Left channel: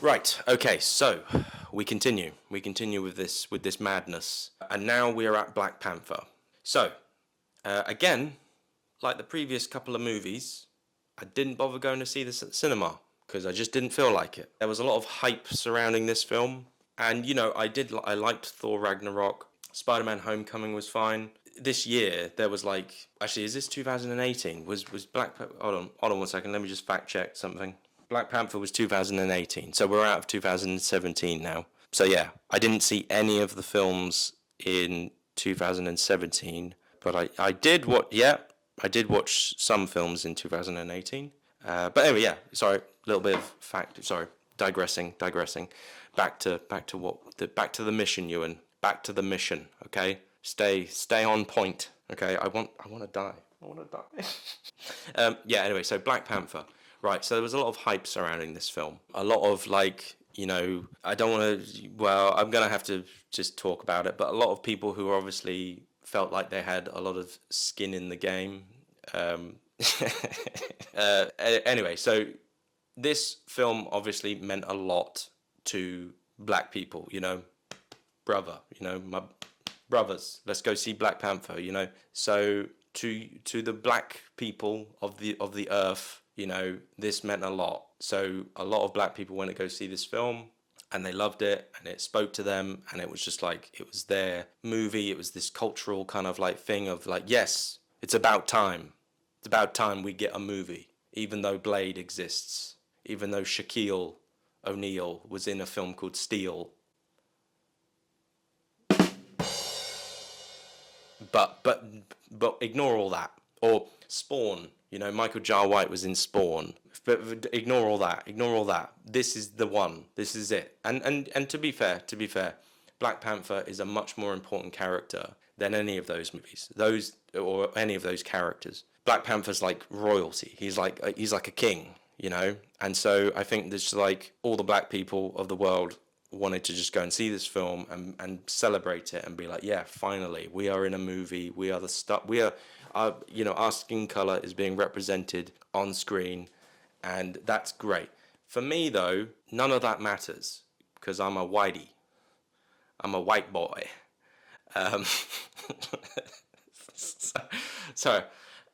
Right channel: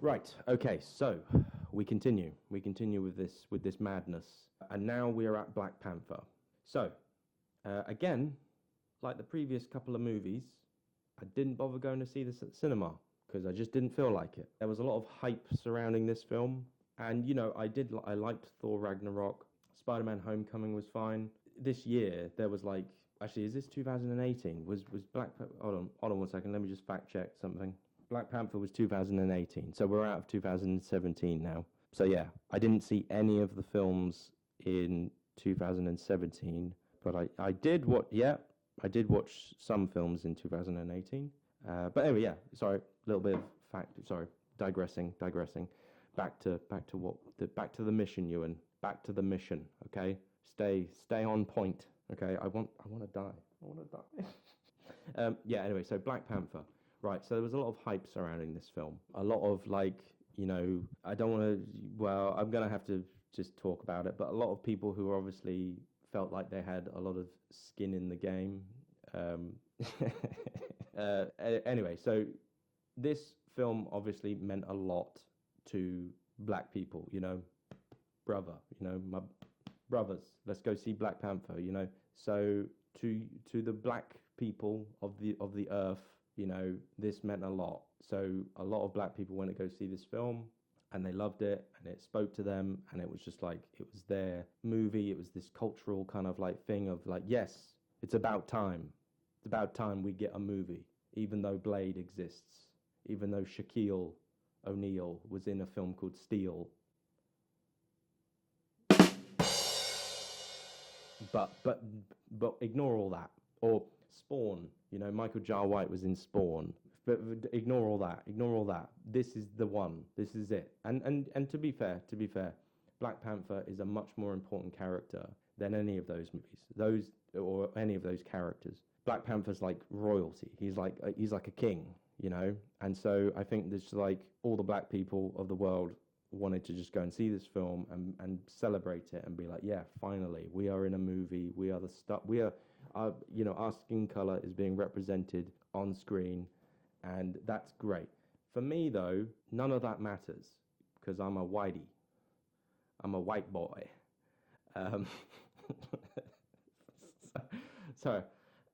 Right. Okay. So we continue. We continue with this madness, and now we are at Black Panther. So again, like the previous couple of movies, I didn't bother going to see this at the cinema because I just didn't feel like it. There was a lot of hype surrounding this film, and I liked Thor Ragnarok. Spider-Man: Homecoming was fine. This year there was like, actually, is this 2018? Was Black? Hold on 1 second. Let me just fact check something. Black Panther was 2018, so we're out of 2017 now. So yeah, I didn't see any of the films in 2017, but I did what? Yeah, I did watch some films in 2018. But anyway, yeah. Sorry, a little bit of fact. Sorry, digressing. Back to the mission, Ewan. Back to the mission. Okay, stay on point. Okay, I want to die. I want to die. Yeah. Anyway, so Black Panther. Right. So there was a lot of hype surrounding this film. A lot of like, I don't want to. Well, I'm gonna have to just talk about it. But a lot of people who obviously felt like they had a lot of skin in the game. Um, anyway, so this film obviously meant a lot to black people. My brothers, let's go see Black Panther. So to the black people of the earth, this meant a lot. So a lot of black people went to go see this film, and they loved it, and it spoke to them, and it was just like, it was their movie. It was this cultural kind of like thing of like, yes, it's about time. It's about time we get a movie, even though Blade exists, even though Shaquille O'Neal was in a film called Steel. But ignore all that. Or Spawn. Michael Jar White was in Spawn. But ignore all that. Ignore all that. This is the one. This is it. And to be fair, Black Panther is a much more important character than any of those movies. Those or any of those characters. Black Panther's like royalty. He's like a king. And so I think there's like all the black people of the world wanted to just go and see this film and celebrate it and be like, yeah, finally we are in a movie. We are the stuff. We are, our skin color is being represented on screen, and that's great. For me though, none of that matters because I'm a whitey. I'm a white boy. Um, so, so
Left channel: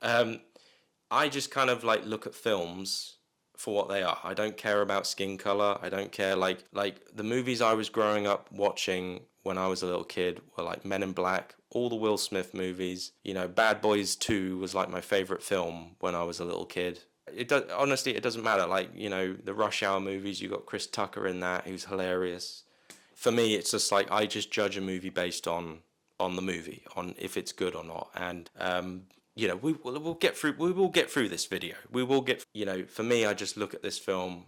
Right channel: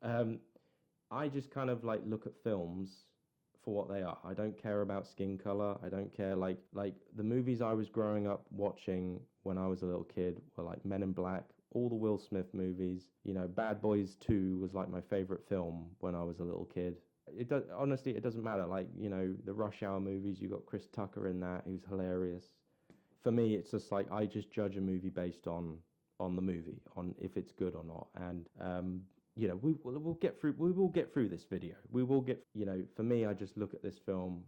I just kind of like look at films for what they are. I don't care about skin color. I don't care like the movies I was growing up watching when I was a little kid were like Men in Black, all the Will Smith movies. Bad Boys 2 was like my favorite film when I was a little kid. Honestly, it doesn't matter. Like, the Rush Hour movies, you got Chris Tucker in that, who's hilarious. For me, it's just like I just judge a movie based on the movie, on if it's good or not. And we'll get through. We will get through this video. We will get. For me, I just look at this film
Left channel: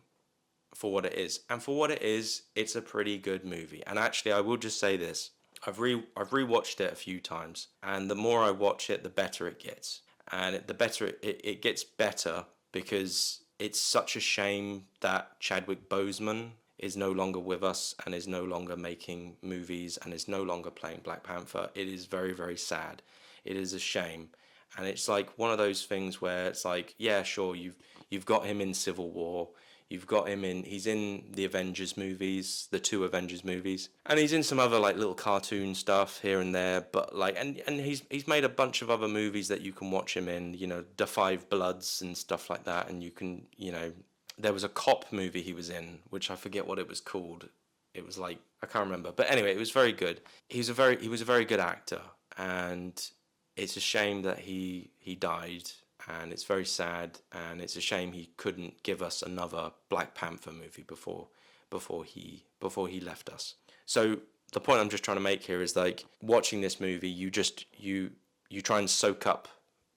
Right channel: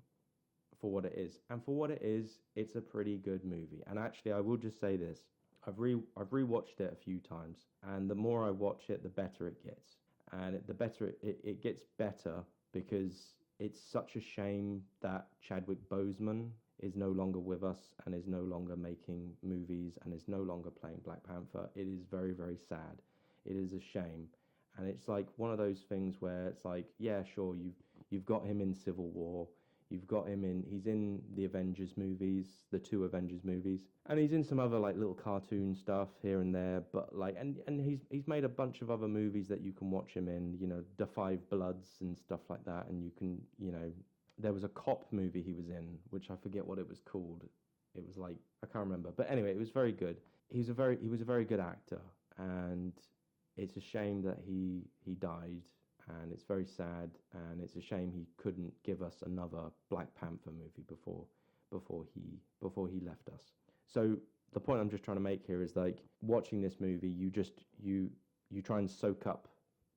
for what it is, and for what it is, it's a pretty good movie. And actually, I will just say this: I've rewatched it a few times, and the more I watch it, the better it gets. And the better it gets better because it's such a shame that Chadwick Boseman is no longer with us and is no longer making movies and is no longer playing Black Panther. It is very, very sad. It is a shame. And it's like one of those things where it's like, yeah, sure, you've got him in Civil War, he's in the Avengers movies, the 2 Avengers movies, and he's in some other like little cartoon stuff here and there, but like, and he's made a bunch of other movies that you can watch him in, The Five Bloods and stuff like that, and you can, there was a cop movie he was in, which I forget what it was called. It was like, I can't remember, but anyway, it was very good. He was a very good actor, and it's a shame that he died, and it's very sad, and it's a shame he couldn't give us another Black Panther movie before he left us. So the point I'm just trying to make here is like watching this movie, you try and soak up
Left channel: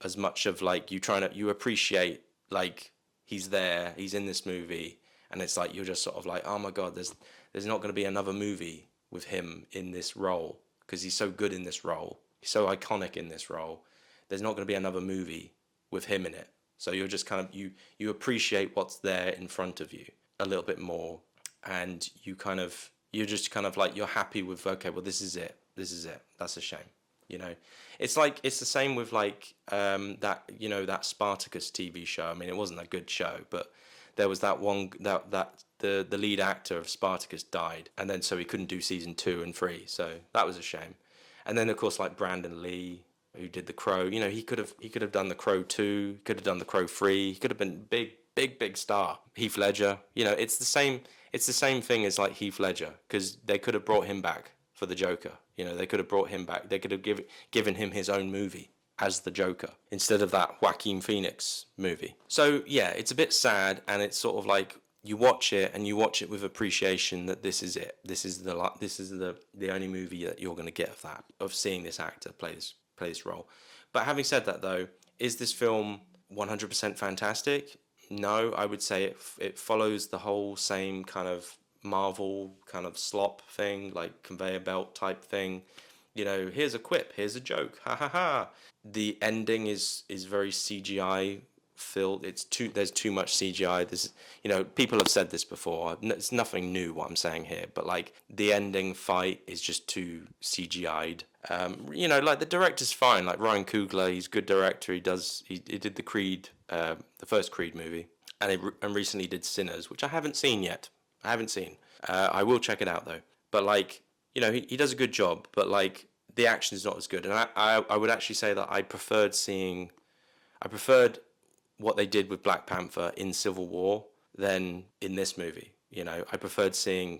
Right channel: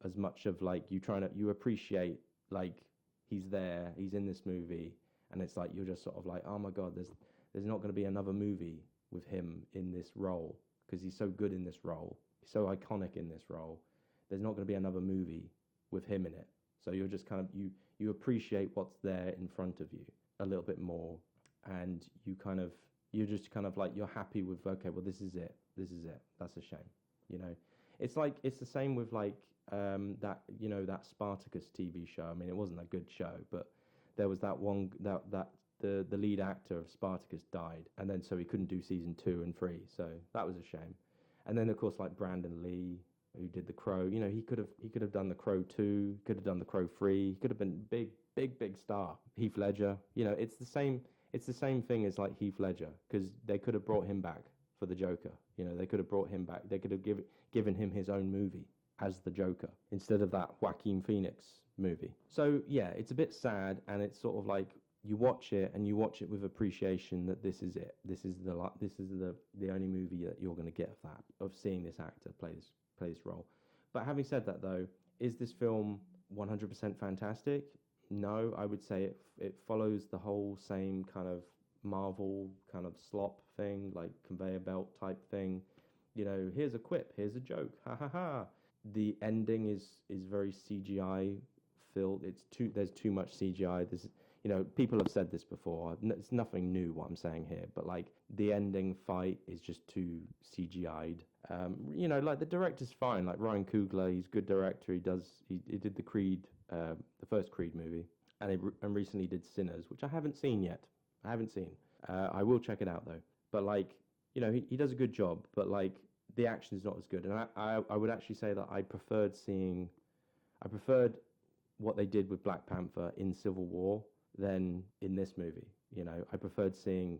as much of like you appreciate like he's there, he's in this movie, and it's like you're just sort of like, oh my god, there's not going to be another movie with him in this role because he's so good in this role. He's so iconic in this role. There's not going to be another movie with him in it. So you're just kind of, you appreciate what's there in front of you a little bit more. And you're just kind of like, you're happy with, okay, well, this is it. That's a shame. It's like, it's the same with like, that Spartacus TV show. I mean, it wasn't a good show, but there was that the lead actor of Spartacus died, and then so he couldn't do season 2 and 3. So that was a shame. And then of course like Brandon Lee, who did The Crow. You know, he could have done The Crow 2, could have done The Crow 3. He could have been big star. Heath Ledger. You know, it's the same thing as like Heath Ledger, because they could have brought him back for the Joker. You know, they could have brought him back. They could have given him his own movie as the Joker instead of that Joaquin Phoenix movie. So yeah, it's a bit sad, and it's sort of like you watch it and you watch it with appreciation that this is it. This is the only movie that you're going to get of seeing this actor play this role. But having said that, though, is this film 100% fantastic? No, I would say it follows the whole same kind of Marvel kind of slop thing, like conveyor belt type thing. You know, here's a quip, here's a joke, ha ha ha. The ending is very CGI filled. There's too much CGI. There's, you know, people have said this before. It's nothing new what I'm saying here, but like the ending fight is just too CGI'd. You know, like the director's fine. Like Ryan Coogler, he's a good director. He did the Creed, the first Creed movie, and recently did Sinners, which I haven't seen yet. I will check it out though. But like, you know, he does a good job, but like the action is not as good. And I would actually say that I preferred what they did with Black Panther in Civil War than in this movie. You know, I preferred the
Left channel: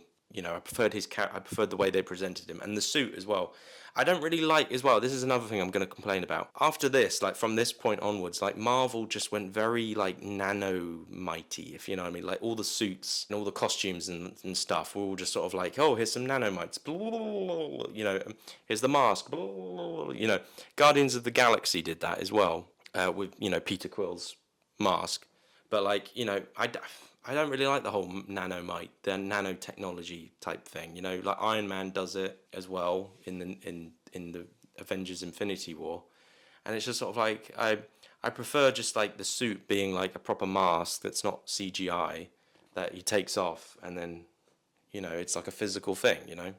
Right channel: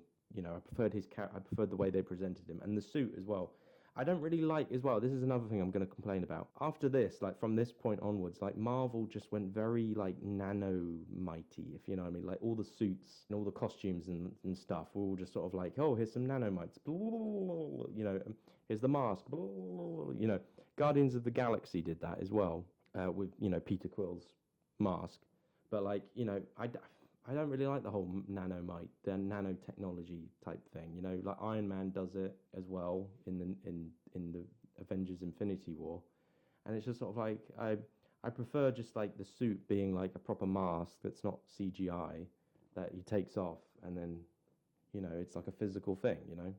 way they presented him, and the suit as well. I don't really like as well. This is another thing I'm going to complain about. After this, like from this point onwards, like Marvel just went very like nano mighty, if you know what I mean. Like all the suits and all the costumes and stuff were all just sort of like, oh, here's some nanomites, you know, here's the mask, you know. Guardians of the Galaxy did that as well, with, you know, Peter Quill's mask. But like, you know, I don't really like the whole nanomite, the nanotechnology type thing. You know, like Iron Man does it as well in the Avengers Infinity War, and it's just sort of like I prefer just like the suit being like a proper mask that's not CGI that he takes off, and then, you know, it's like a physical thing. You know,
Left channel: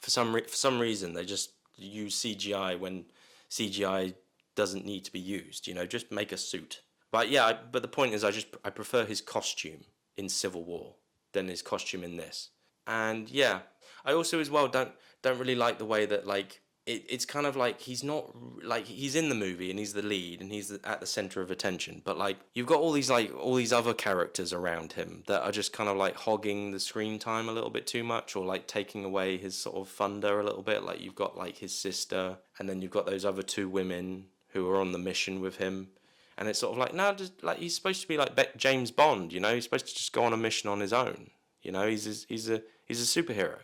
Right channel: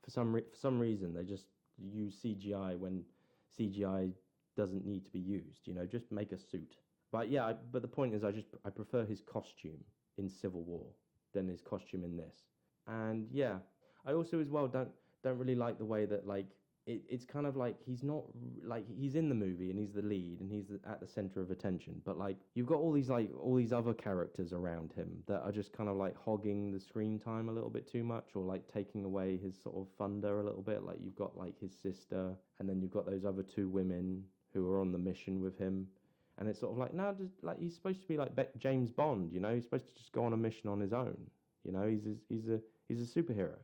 for some reason they just use CGI when CGI doesn't need to be used. You know, just make a suit. But yeah, but the point is, I prefer his costume in Civil War than his costume in this. And yeah, I also as well don't really like the way that like it's kind of like he's not like he's in the movie and he's the lead and he's at the center of attention, but like you've got all these other characters around him that are just kind of like hogging the screen time a little bit too much, or like taking away his sort of thunder a little bit. Like you've got like his sister, and then you've got those other two women who are on the mission with him. And it's sort of like, no, just like he's supposed to be like James Bond, you know. He's supposed to just go on a mission on his own, you know. He's a superhero,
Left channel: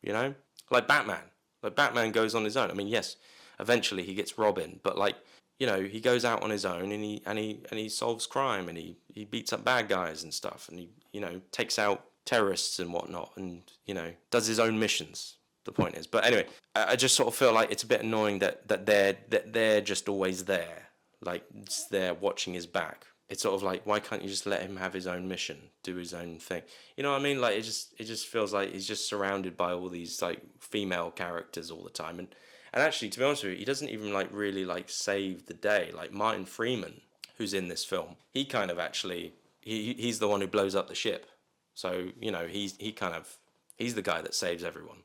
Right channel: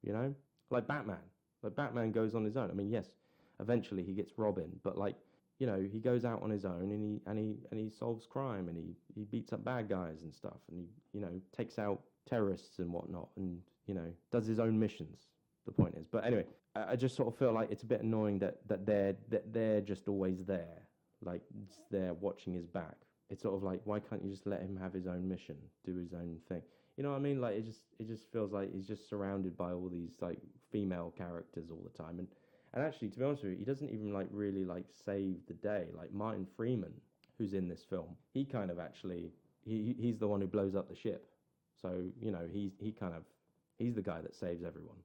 you know, like Batman. Like Batman goes on his own. I mean, yes, eventually he gets Robin, but like, you know, he goes out on his own and he solves crime, and he beats up bad guys and stuff, and he, you know, takes out terrorists and whatnot, and, you know, does his own missions. The point is, but anyway, I just sort of feel like it's a bit annoying that they're just always there. Like, it's there watching his back. It's sort of like, why can't you just let him have his own mission, do his own thing? You know what I mean? Like, it just feels like he's just surrounded by all these like female characters all the time. And actually, to be honest with you, he doesn't even like really like save the day. Like Martin Freeman, who's in this film, he kind of actually he's the one who blows up the ship. So, you know, he's the guy that saves everyone.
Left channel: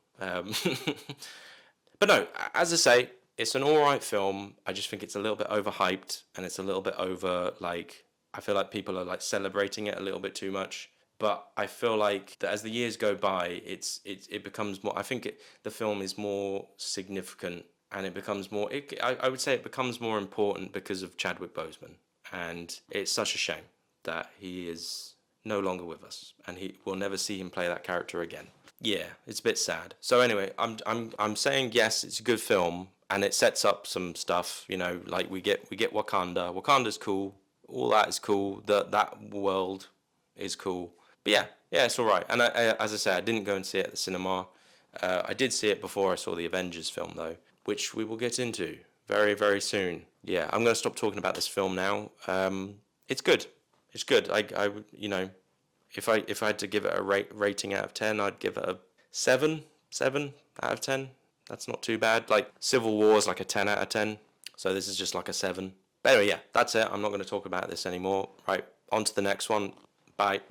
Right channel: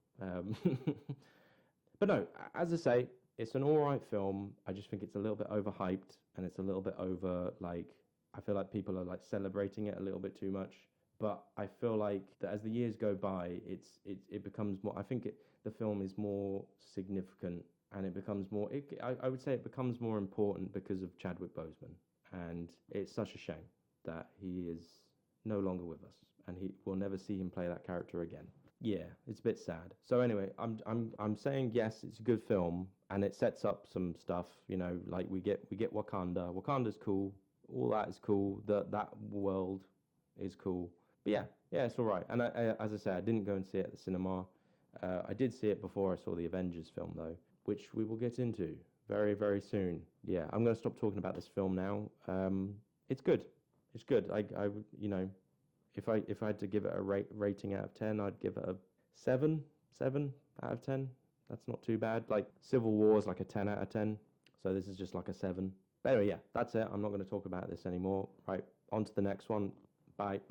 But no, as I say, it's an alright film. I just think it's a little bit overhyped, and it's a little bit over, like, I feel like people are like celebrating it a little bit too much. But I feel like that as the years go by, it becomes more, I think the film is more significant, and it becomes more, I would say it becomes more important because of Chadwick Boseman. And it's such a shame that he is no longer with us, and we'll never see him play that character again. Yeah, it's a bit sad. So anyway, I'm saying yes, it's a good film, and it sets up some stuff. You know, like we get Wakanda. Wakanda's cool. All that is cool. That world is cool. But yeah, it's all right. And as I say, I didn't go and see it at the cinema. I did see it before I saw the Avengers film though, which we will get into very, very soon. Yeah, I'm gonna stop talking about this film now. It's good. It's good. I you know. If I had to give it a rating out of 10, I'd give it a 7 out of 10. That's not too bad. Like Civil War is like a 10 out of 10. So this is just like a 7. But anyway, yeah, that's it. I'm not going to talk about this anymore. Right, on to the next one. Bye.